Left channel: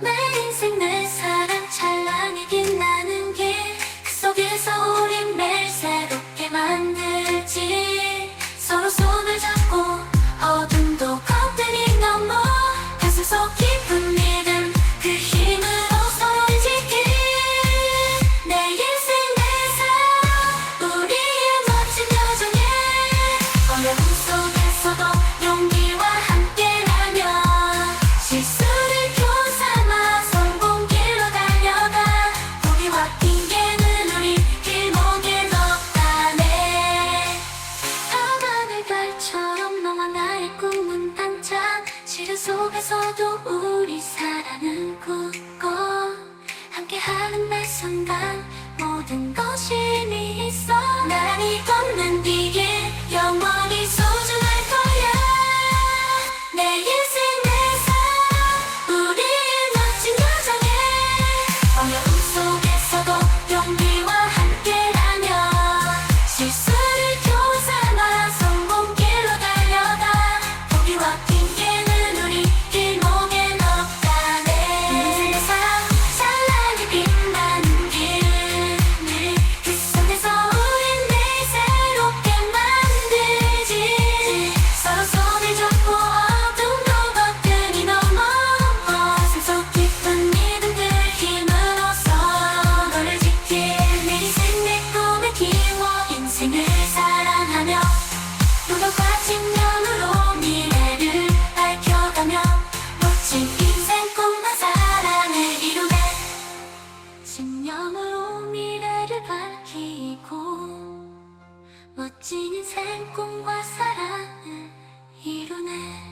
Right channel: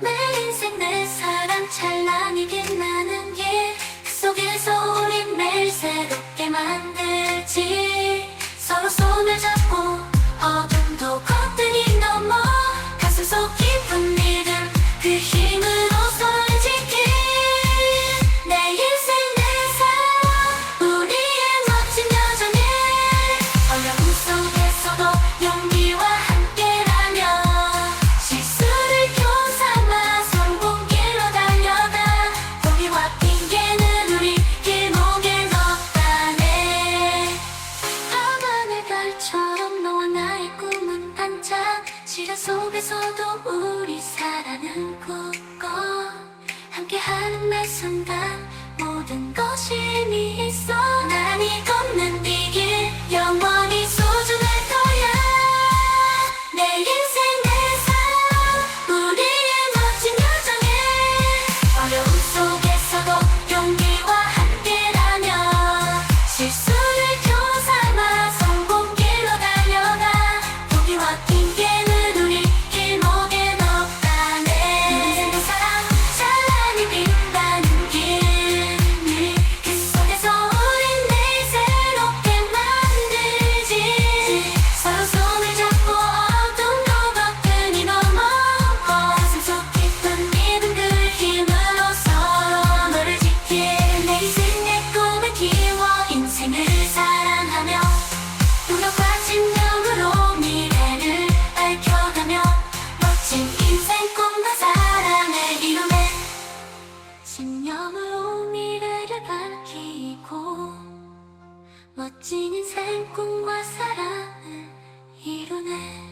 내 인생 내 사랑 찬란히 빛나는 길 그 속에서 우리 매일 새롭게 만들지. 서로 손을 잡고 어둠도 거뜬히 넘어 가슴 속 깊은 믿음 그 힘 시련 속에서도 우리 사랑은 굳고 함께하는 매 순간 모든 것이 의미 있어. 나란 밝혀가며 으로 미래를 밝혀가며 멋진 인생 꿈과 사랑을 이루네. 신념으로 미래를 밝히고 멋진 인생 꿈과 사랑을 이루네.